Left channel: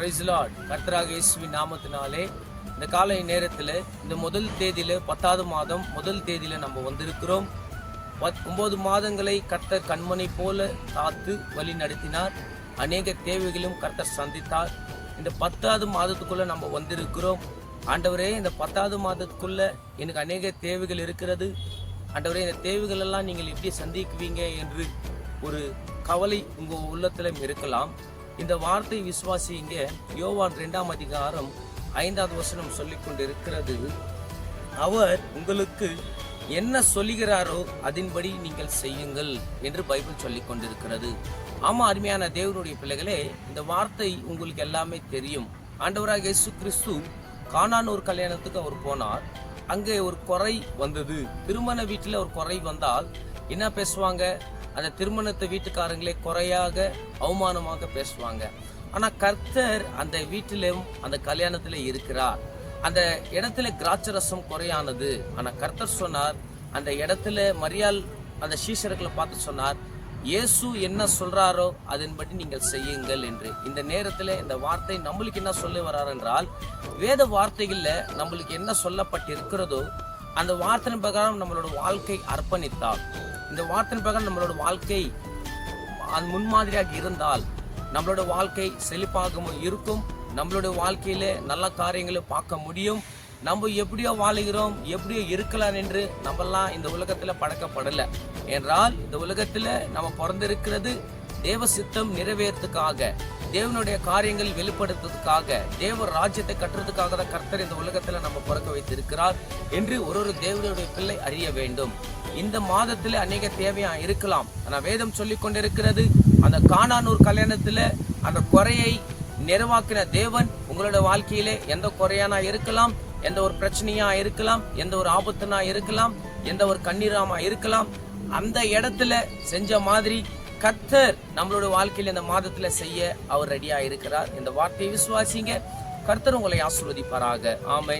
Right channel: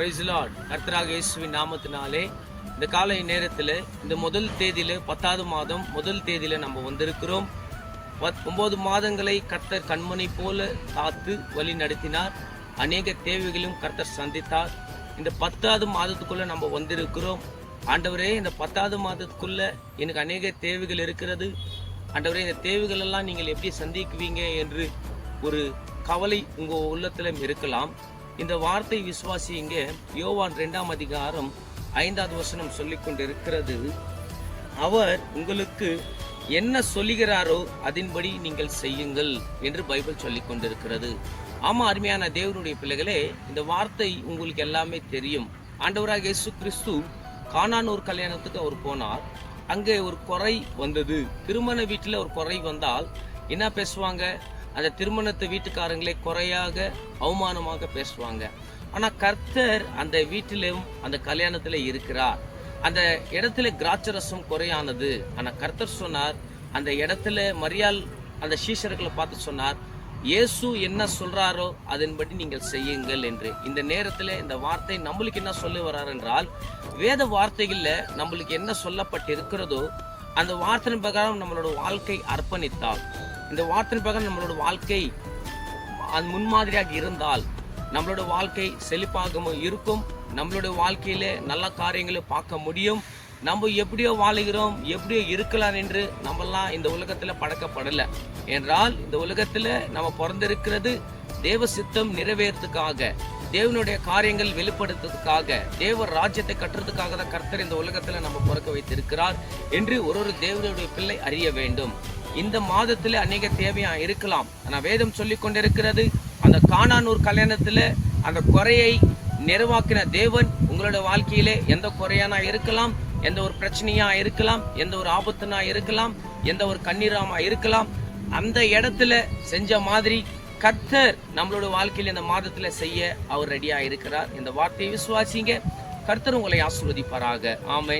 Price Lord. கர்த்தராகிய இயேசுவின் நாமத்தினாலே இந்த காலை நேரத்தில் இந்த முதல் தேதியில 10வது மாதம் முதல் தேதியில நம்ம வந்திருக்கிறோம். 9 மாதங்களை கர்த்தர் கண்மணி போல காத்து வழி நடத்தினார். அநேக தேவைகளும் கர்த்தர் சந்தித்தார். இந்த 10வது மாதத்துக்குள்ள நம்ம வந்திருக்கிறோம். ஆண்டவரே, இந்த 10வது மாதத்துக்குள்ள எனக்கு அநேக தேவைகள் இருக்கிறது. ஆண்டவரே, இந்த தேவைகள் எல்லாம் நீங்கள் எப்படி சந்திக்குவீங்க என்று ஒரு கவலை உங்க உள்ளத்துல இருக்கலாம். இந்த வார்த்தை விசுவாசிங்க. யோவான் 2ஆம் அதிகாரம் 5வது வசனம் சொல்லிக் கொண்டிருக்கிறது, அவர் உங்களுக்கு என்ன சொல்லுகிறாரோ அதன்படி நீங்கள் செய்யுங்கள் என்று பைபிள் சொல்லிக் கொண்டிருக்கிறது. ஆமா, அருமையான தேவனுடைய பிள்ளைகளே, இந்த வார்த்தை உங்களுக்கு எல்லாமே தெரியும். ஆண்டவராக இயேசு கிறிஸ்து கானானூர் கல்யாணத்துக்கு அவர் போனார். அங்கே ஒரு குறை வந்தது. திருமண வீட்டில் ஒரு குறை வந்தால் என்ன பேசுவாங்க? அந்த திருமணத்தை வீட்டுக்காரங்களே குறையாக அவமானமாக பேசுவாங்க. ஆனா கர்த்தர் அந்த வீட்டிலும் அந்த கல்யாணத்துல இருக்கிறார். அந்த இடத்துல திராட்சரசம் குறையானது. ஆனா கர்த்தர் சொன்னார், அந்த இடத்துல மரியாள் அந்த சீஷர்களை பார்த்து சொன்னார், இயேசு என்ன சொல்றாரோ அதன்படி நீங்கள் செய்யுங்கள் என்று. இந்த நேரத்துல இந்த வார்த்தை நம்மளுக்கு என்ன சொல்லி வர்றார் என்றால், வேத வார்த்தைகள்ல நம்மளுக்கு என்ன சொல்லப்பட்டு இருக்கிறதோ அந்த வார்த்தை பிரகாரம் நம்மளோட வாழ்க்கை அர்ப்பணித்தால், இந்த வார்த்தை பிரகாரம் நம்மளோட வாழ்க்கை முன்மாதிரியாக இருந்தால் நம்மளோட வாழ்க்கை செழிப்பாகவும் இருக்கும். நம்மளோட வாழ்க்கையில நல்ல காரியங்களை பார்க்க முடியும். நம்ம எப்படியோ வாழுகிறோம், எப்படியோ இருக்கலாம் என்று நம்மெல்லாம் இந்த உலகத்துல படைக்கப்படல. என்றால் இந்த உலகத்துல நம்ம பிறந்திருக்கிறது தேவ சித்தம் நிறைவேறதுக்காக, தேவனுடைய காரியங்கள் வெளிப்படுத்துறதுக்காக, தேவ ராஜ்யத்தை கட்டுறதுக்காக தான் கர்த்தர் இந்த உலகத்துல நம்ம பிறக்க வைத்திருக்கிறார் என்று ஒரு தேவனுடைய பிள்ளை அறிய வேண்டும். இந்த மாதத்துல அநேக தேவையா இருக்கலாம். ஆனா வேதம் சொல்லிக் கொண்டிருக்கிறது, அந்த கானானூர் கல்யாணத்துல அந்த குறையை நிறைவாக்கின தேவன் உங்களோட வாழ்க்கையிலே எந்த குறையானா இருக்கலாம், எந்த ஒரு பிரச்சனையா இருக்கலாம், எந்த ஒரு ஆபத்துனா இருக்கலாம், எந்த ஒரு கண்ணீராமா இருக்கலாம், அந்த இடத்துல செஞ்ச மாதிரி கர்த்தர் நம்மளோட வாழ்க்கையில இந்த மாதத்துல செய்ய அவர் ரெடியா இருக்கிறார். இந்த வார்த்தையை விசுவாசிங்க. கர்த்தர் உங்களை ஆசீர்வதிப்பாராக. ஆமென்.